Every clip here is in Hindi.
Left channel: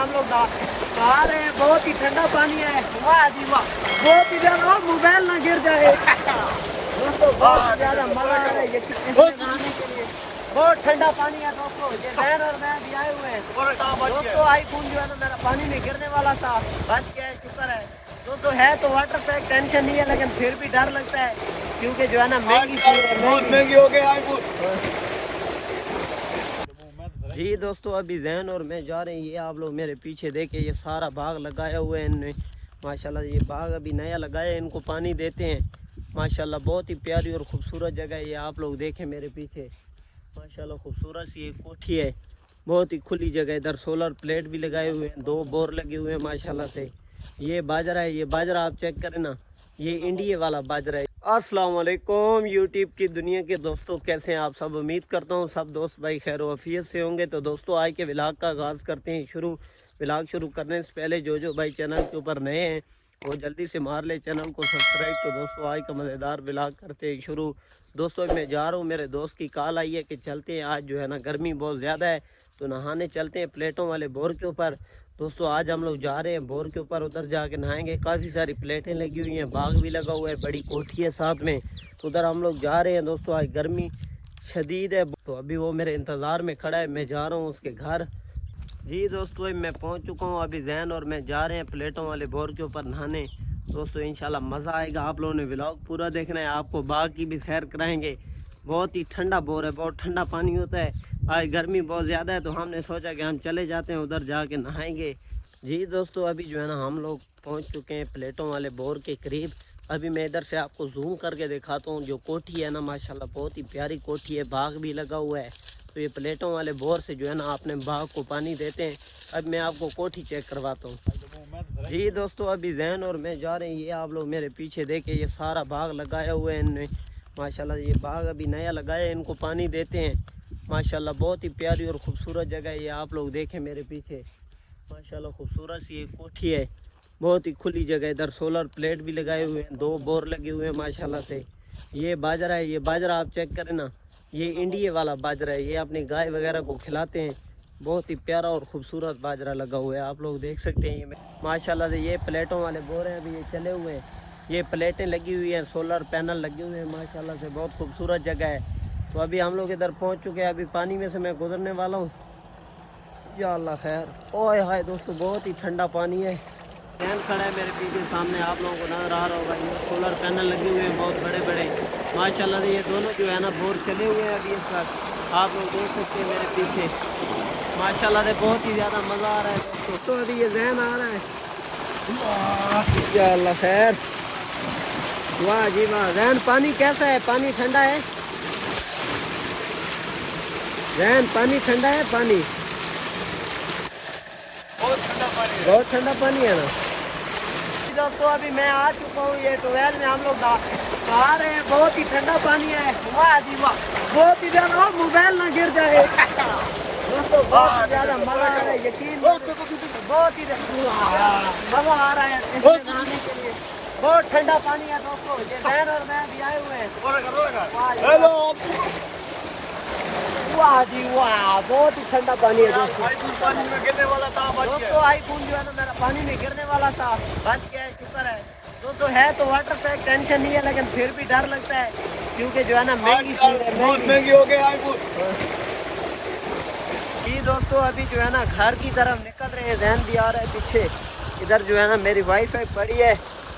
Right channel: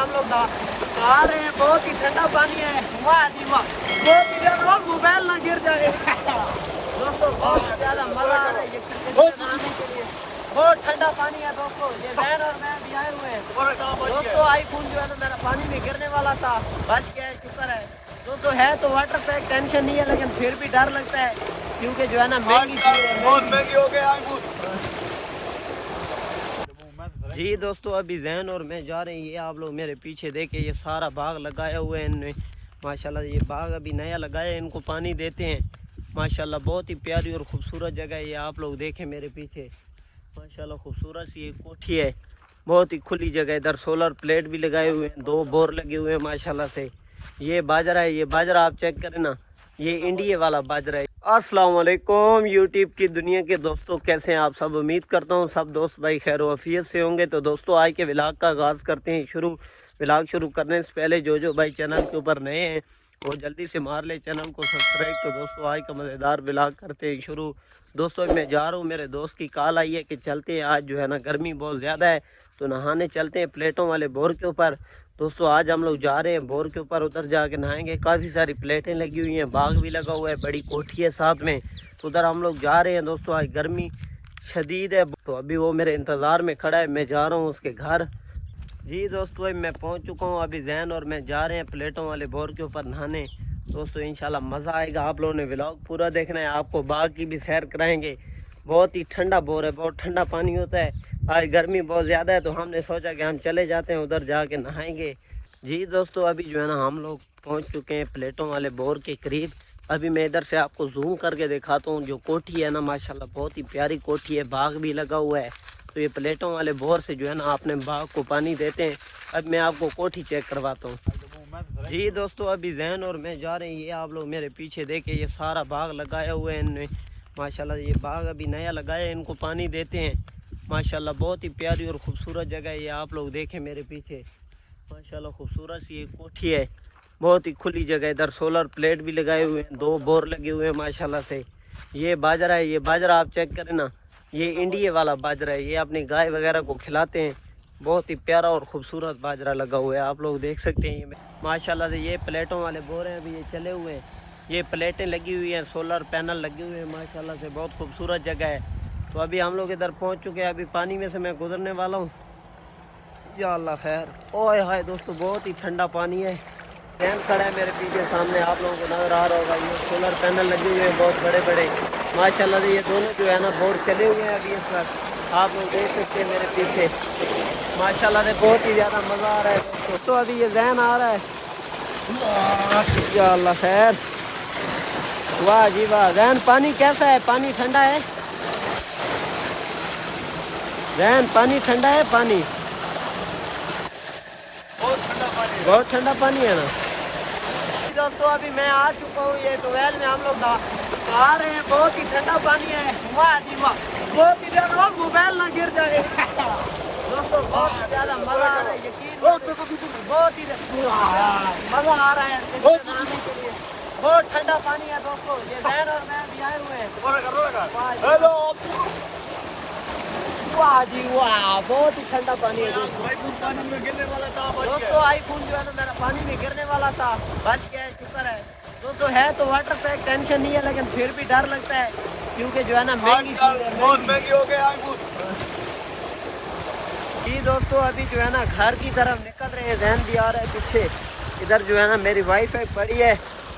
हम लोग नहा रहे हैं। बहुत ही ठंडा पानी है, बहुत ही ज्यादा, मोबाइल ना गिर जाए दोस्तों। बहुत ज्यादा मजा आ रहा है ये नहाने के लिए। बहुत ठंडा पानी है दोस्तों। ये बहन और मैं भी आए हुए हैं दोस्तों। आईफोन जो है तो मेरा पानी नहीं गिरने वाला था, बच गया, शुक्र है दोस्तों। है तो वाटर पे टेंशन नहीं है, लेकिन फिर भी डर लगता है क्योंकि जो है ना महंगी चीज है, बहुत महंगी हो गई आईफोन। जी दोस्तों, अभी जैन और मैं जा रहे हैं। ये आप लोग मेरे पीछे देखे, ये सारा बाग लगाया हुआ है इनने माशाल्लाह। ये बाग अभी नया लगाया है, इनको पानी देते हैं माशाल्लाह। बहुत ही प्यारी और ख़ूबसूरत जगह है ये, आप लोग देखें मेरे पीछे माशाल्लाह। खूबसूरत सी एक कोठी है, बहुत ही खुली जगह। इधर सोलर प्लेट भी लगाए हुए हैं, 2 बोर लगे हुए हैं माशाल्लाह से। ये बाजरा है, ये बाजरा आप चेक करें ना, ये इंडिया वाला बाजरा है। अस्सलाम वालेकुम यूट्यूब की दुनिया के दोस्तों, कैसे हैं आप सब। उम्मीद करता हूँ सब दोस्त भाई खैर वफियत से होंगे। तो दोस्तों आज के व्लॉग का आगाज़ करते हैं शुरू। व्लॉग शुरू करने से पहले जो भाई चैनल के ऊपर नए हैं वो जल्दी से मार ले चैनल को सब्सक्राइब। तो दोस्तों आज का मज़ेदार व्लॉग करते हैं शुरू। दोस्तों मैं जा रहा हूँ, मेरे दोस्त की कॉल आई है कि चलते हैं। आज जो है ना गर्मी बहुत ज़्यादा है तो नहाने चलते हैं प्लेटों वाले बोर के ऊपर। दोस्तों आज हम लोग जा रहे हैं बोर के ऊपर, उधर जाके नहाएंगे। काफ़ी सारी प्लेटें लगी हुई हैं, बाग भी लगा हुआ है, बड़ी कोठी है साथ में, तो उधर हम लोग जा रहे हैं दोस्तों। आज गर्मी शदीद है तो अभी वो मेरे इंतज़ार में खड़ा है, मैं जा रहा हूँ उसके घर। जी दोस्तों अभी मैं पहुँच चुका हूँ। अभी जैन और मैं जा रहे हैं प्लेटों वाले बोर के ऊपर नहाने। दोस्तों इंशाल्लाह मज़ा आएगा। आप लोगों ने व्लॉग पूरा देखना है, आपको बाग की भी सैर कराएंगे। बहुत ही ठंडा बोर है, बहुत ठंडा पानी होता है। आज गर्मी बहुत ज़्यादा है तो हमने सोचा कि हम चले जाते हैं उधर जाके नहाएंगे। जी दोस्तों अभी जो है ना हम लोग पहुंच चुके हैं प्लेटों वाले बोर के करीब। अभी मैं इधर से आपको जूम करके दिखाता हूँ। जो कोठी है ना माशाल्लाह बहुत ही प्यारी कोठी है, बाग भी लगा हुआ है। तो ये प्लेटों वाले बोर से जो है ना अपने बाग को पानी देते हैं। अब मैं आपको कोठी चेक करवाता हूँ। जी दोस्तों अभी जैन और मैं जा रहे हैं। ये आप लोग मेरे पीछे देखे, ये सारा बाग लगाया हुआ है इनने माशाल्लाह। ये बाग अभी नया लगाया है, इनको पानी देते हैं माशाल्लाह। बहुत ही प्यारी और ख़ूबसूरत जगह है ये, आप लोग देखें मेरे पीछे माशाल्लाह। खूबसूरत सी एक कोठी है, बहुत ही खुली जगह। इधर सोलर प्लेट भी लगाए हुए हैं, 2 बोर लगे हुए हैं माशाल्लाह से। ये बाजरा है, ये बाजरा आप चेक करें ना, ये इंडिया वाला बाजरा है। ये अपनी गाय वगैरह को खिलाते हैं। बहुत ही प्यारा और ख़ूबसूरत बाजरा लगा हुआ है, आप लोग देख सकते हैं ये माशाल्लाह से। ये प्लेटों वाले बोर हैं, अभी ये चले हुए हैं। ये प्लेटें लगी हुई हैं, सोलर पैनल लगे हुए हैं माशाल्लाह से। बहुत खूबसूरत जगह है। तो अभी हम लोग इधर पहुंच चुके हैं। अभी पानी में से मैं गुजरने वाला हूं। या अल्लाह खैर। ओए हाय दोस्तों बहुत ही ठंडा पानी है। फैन खड़ा है मेरे पीछे सामने, आप लोगों को नजर आ रहा होगा। ये सोलर पैनल लगे हुए हैं बहुत बड़े बड़े माशाल्लाह से। ये दोनों जो है ना बोर चले हुए हैं अभी इस वक्त, आप लोग देख सकते हैं मेरे पीछे माशाल्लाह से। बहुत ही ज़्यादा मज़ा आ रहा है दोस्तों। अभी ये जैन आ रहा है। या अल्लाह खैर, वाह जी वाह। जैन पानी कैसा है? पानी ठंडा है जैन? पानी ठंडा है? पानी बहुत ठंडा पानी है ना दोस्तों। अभी मैं आ चुका हूँ ये टुवेल में, हम लोग नहा रहे हैं। बहुत ही ठंडा पानी है, बहुत ही ज्यादा, मोबाइल ना गिर जाए दोस्तों। बहुत ज्यादा मजा आ रहा है, यकीन बहुत ही मजा आ रहा है नहाने के लिए। बहुत ठंडा पानी है दोस्तों। ये बहन और मैं भी आए हुए हैं। वाह जी वाह, बहुत ही ठंडा पानी है दोस्तों। दोस्तों आईफोन जो है तो मेरा पानी नहीं गिरने वाला था, बच गया, शुक्र है दोस्तों। है तो वाटर पे टेंशन नहीं है, लेकिन फिर भी डर लगता है क्योंकि जो है ना महंगी चीज है, बहुत महंगी हो गई आईफोन। जी दोस्तों अभी जो है ना घर की तरफ निकल रहे हैं। जैन भी आ रहा है पीछे। इधर जो है ना मेरी वाईफाई पड़ी है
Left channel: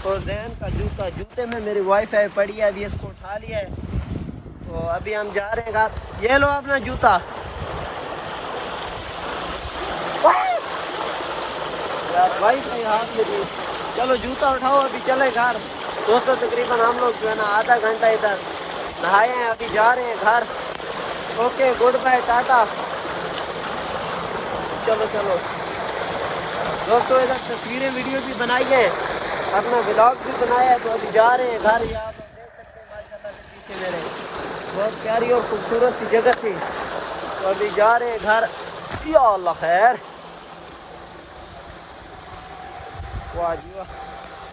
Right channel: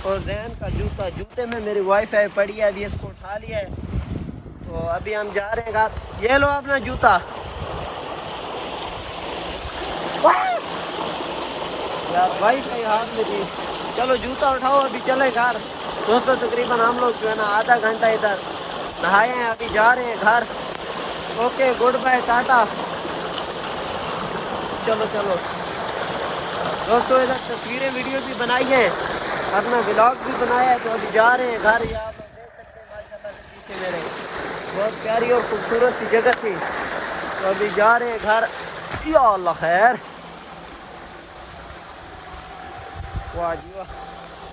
और जैन का जूते में मेरी वाईफाई पड़ी है। अभी इसको उठा लिया है तो अभी हम जा रहे हैं घर। ये लो अपना जूता। चलो जूता उठाओ, अभी चले घर दोस्तों। तकरीबन हम लोग जो है ना आधा घंटा इधर नहाए हैं, अभी जा रहे हैं घर। ओके गुड बाय, टाटा। चलो चलो दोस्तों, इधर तस्वीरें वीडियो भी बनाई है, अपना ब्लॉग भी बनाया है। तो अभी जा रहे हैं घर। यहाँ पर देख सकते हैं माशाल्लाह से पीछे मेरे बहुत प्यारी और खूबसूरत सी जगह थी। तो अभी जा रहे हैं घर। या अल्लाह खैर। वाह जी वाह,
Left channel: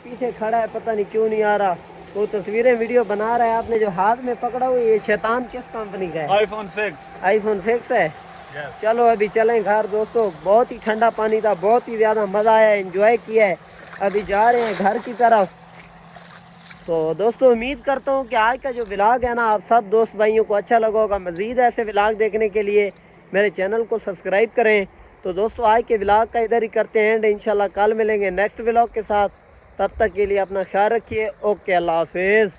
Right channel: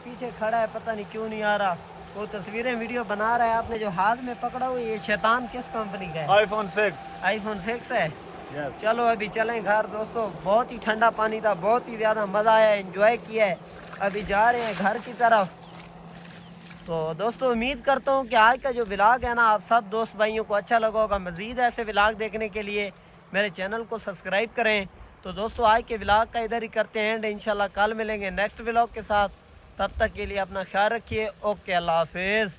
पीछे खड़ा है, पता नहीं क्यों नहीं आ रहा। वो तस्वीरें वीडियो बना रहा है। आपने जो हाथ में पकड़ा हुआ ये शैतान किस कंपनी का है? आईफोन 6। आईफोन 6 है। चलो अभी चलें घर दोस्तों। बहुत ही ठंडा पानी था, बहुत ही ज़्यादा मज़ा आया, एंजॉय किया है। अभी जा रहे हैं घर की तरफ। तो दोस्तों उम्मीद करता हूँ कि आज का जो व्लॉग है ना, आप सब दोस्त भाइयों को अच्छा लगा होगा। मज़ीद ऐसे व्लॉग देखने के लिए मेरे चैनल को सब्सक्राइब करें। तो दोस्तों आज के व्लॉग का इधर ही करते हैं, इंशाल्लाह कल मिलेंगे नेक्स्ट व्लॉग के साथ। तब तक के लिए अपना ख्याल रखिए। ओके, अल्लाह हाफिज़।